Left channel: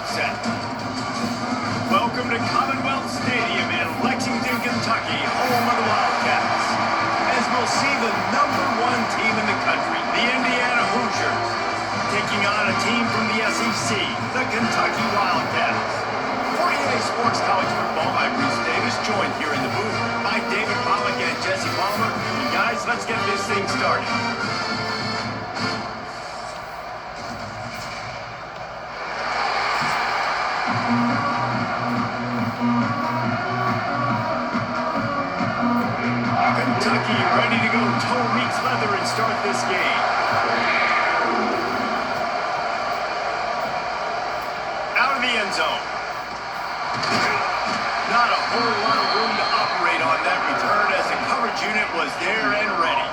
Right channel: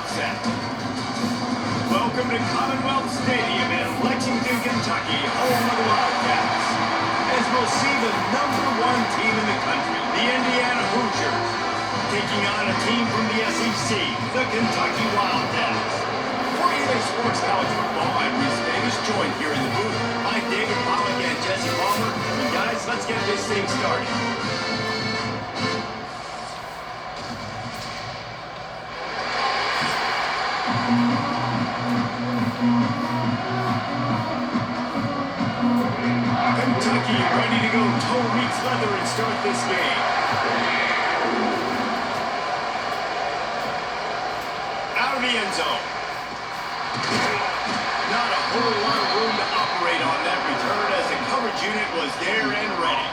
outset. Welcome to Commonwealth Stadium in Lexington, Kentucky, home of the Wildcats. As we'll see the #1 team in the country, the Indiana Hoosiers, taking on a team from the SEC, the Kentucky Wildcats. For EA Sports College Football, I'm Reese Davis, joined here in the booth by David Pollack and Jesse Palmer. And guys, let's get this thing started. Kentucky ready to go toe meets leather and start this game. Out of the end zone. Not a whole lot of room to operate on that return as the coverage unit was there and ready.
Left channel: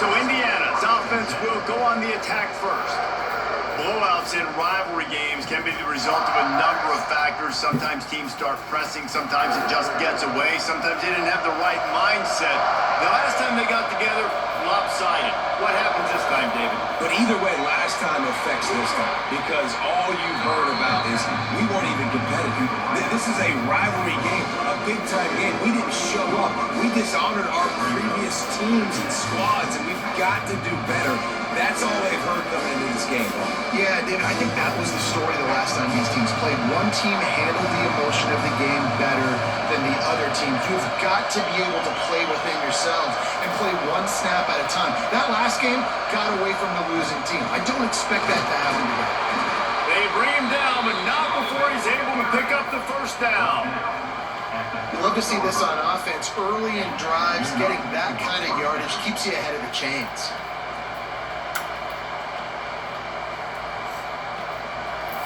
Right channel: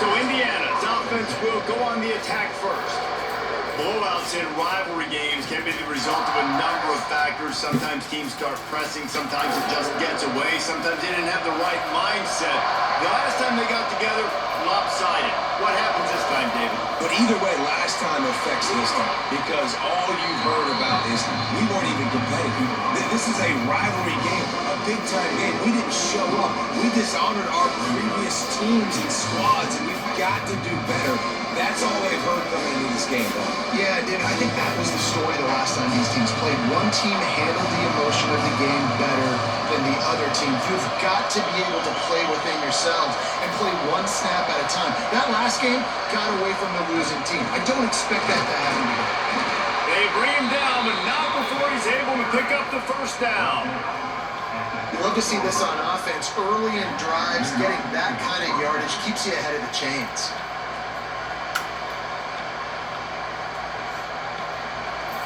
So Indiana's offense will go on the attack first. Blowouts in rivalry games can be the result of a number of factors. Sometimes teams start pressing, sometimes it just gets away, sometimes they didn't have the right mindset. The last time they got together, lopsided. What happens this time, David? But either way, last time affects this time, because all you've heard about is we weren't even competitive. This is a rivalry game, a big-time game. We didn't show up. We dishonored our previous teams and squads, and we've got to do better. That's all they've heard coming into this game, though. Yeah, David, I think that was the story the last time these teams played. One team handled the emotion of the game better than the other team. You've got to be able to play within yourselves and play one snap at a time. That last game got away from the losing team. I don't expect that to happen today. They bring him down, but not before he's able to pick up the first down. You love to see this on offense. Early in drives, getting that kind of yardage keeps you ahead of the chains.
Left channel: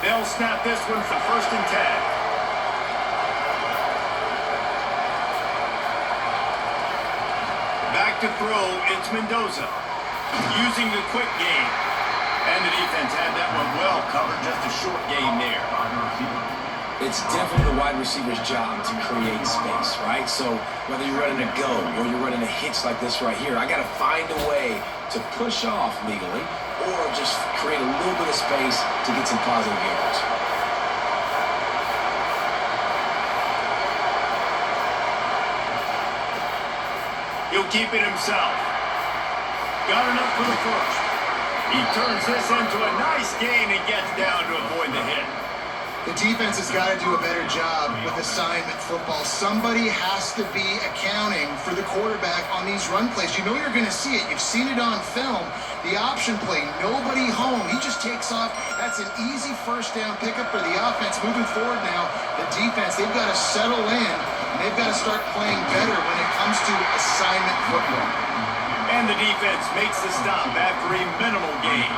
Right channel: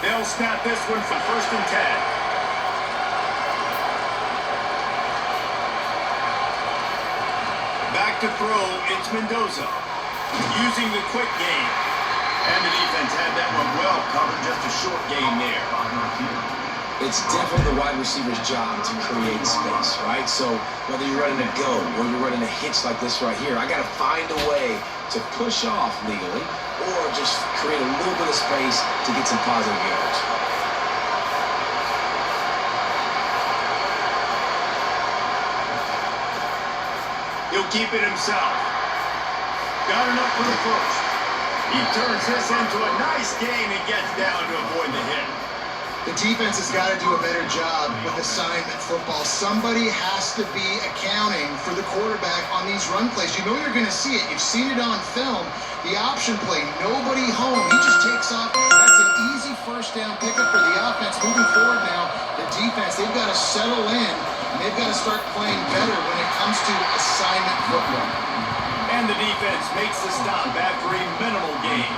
They'll snap this one for 1st and 10. Back to throw, it's Mendoza. Using the quick game. And the defense had that one well covered, just a short game there. It's definitely the wide receiver's job to create space, right? So whether you're running a go or you're running a hitch like this right here, I got to find a way to push off legally or just create a little bit of space to get some positive yards. He'll keep it himself. Got enough for the first. He turns this into a nice gain and gets down to avoid the hit. The defense has got to do a better job with assignment football. Somebody has to be accounting for the quarterback on these run plays. You know you're going to see it. You've seen it on film. The option play, nobody home. He just takes off. That's an easy first down pickup for the offense. Moving forward now, the defense, they've got to settle in. And they've got to start playing better when it comes to assignment football. And the defense makes the stop after a minimal gain.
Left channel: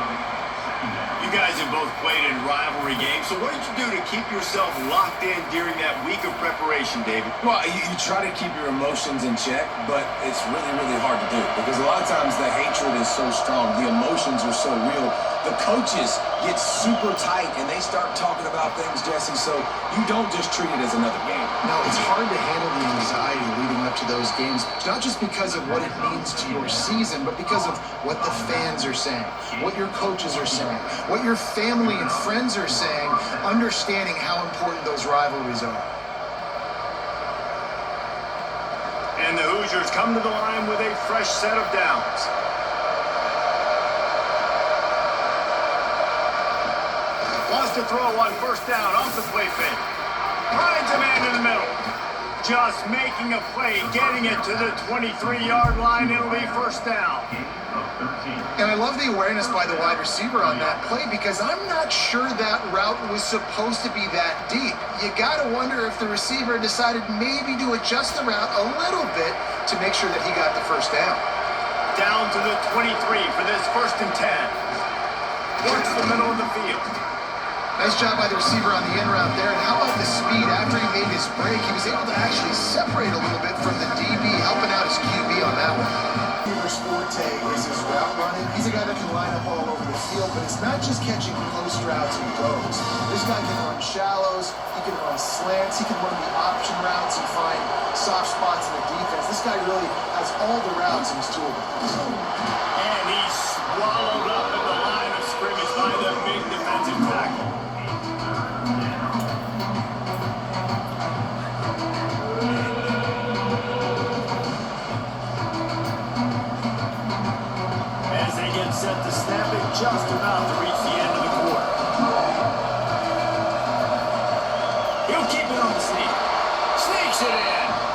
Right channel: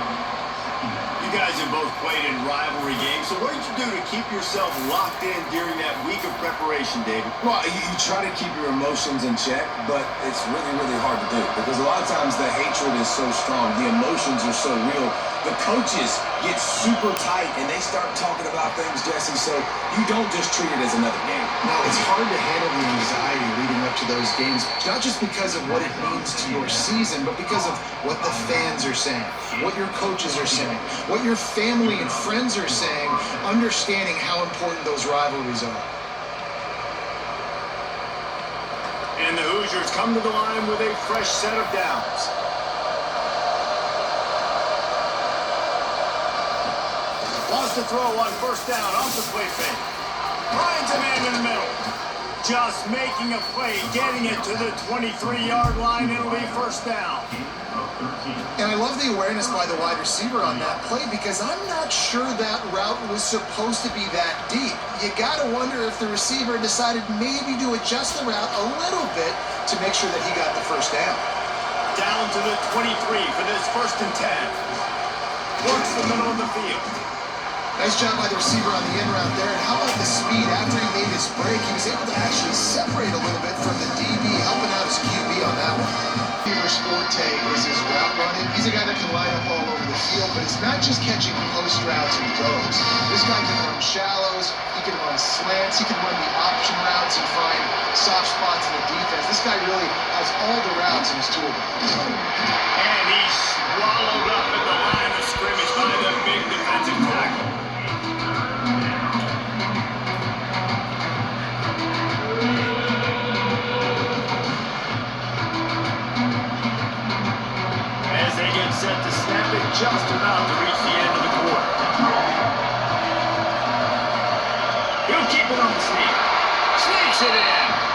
You guys have both played in rivalry games, so what did you do to keep yourself locked in during that week of preparation, David? Well, you try to keep your emotions in check, but it's really, really hard to do because a lot of times the hatred is so strong, the emotions are so real. The coaches get super tight and they start talking about things, Jesse, so you don't just treat it as another game. No, it's hard to handle the anxiety leading up to those games, not just because of what it means to your season, but because of what the fans are saying, what your coaches are saying, what your family and friends are saying, understanding how important those rivalries are. And the Hoosiers come to the line with a fresh set of downs. Wants to throw on 1st down off the play fake. Finds a man in the middle. Just making a play, getting it to the 23-yard line. It'll be 1st down. And I love the awareness by the wide receiver on that play because I'm not sure that route was supposed to be that deep. You got to wonder if the receiver decided maybe to adjust the route a little bit to make sure that he got the 1st down. Down to the 23 for this 1st and 10. Towards the middle of the field. Nice job by the receiver on the end route there. And how about the speed? After he made his break, he was able to actually separate a little bit from the DB, helping out his QB on that one. His forte is his route running. He's a guy that can line up all over the field, but it's not just catching post routes and goes. This guy can run shallows, he can run slants, he can run the option routes and find soft spots in the defense. This guy really has all the routes in his toolbox. And he's swallowed up at the line of scrimmage by the big defensive tackle. He'll keep it on the sneak. Sneaks it in.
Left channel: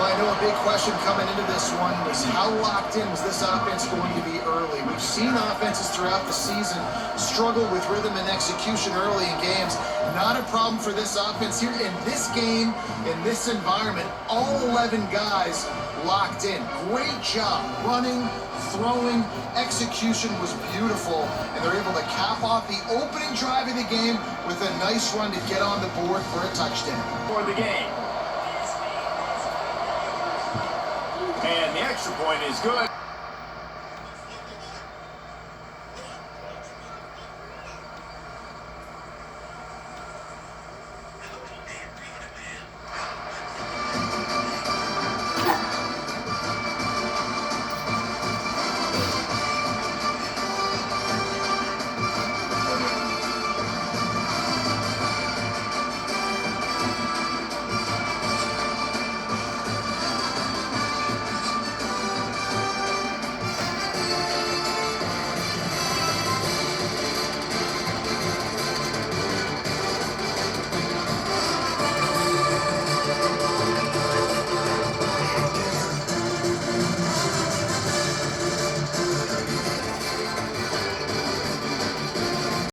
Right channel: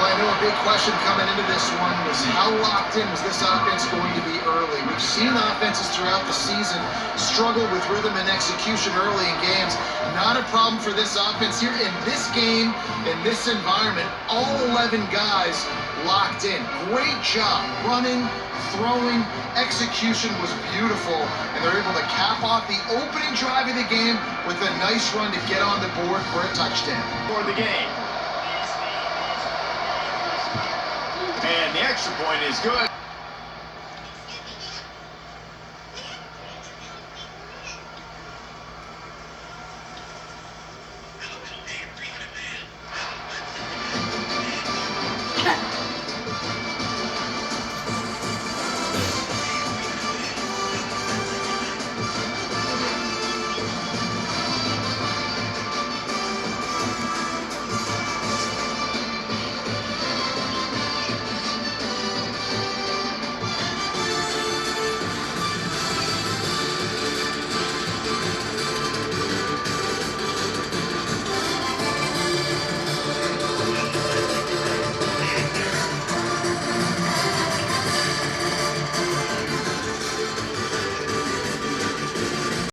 Well, I know a big question coming into this one was how locked in was this offense going to be early? We've seen offenses throughout the season struggle with rhythm and execution early in games. Not a problem for this offense here. In this game, in this environment, all 11 guys locked in. Great job running, throwing, execution was beautiful, and they're able to cap off the opening drive of the game with a nice run to get on the board for a touchdown. For the game. And the extra point is good.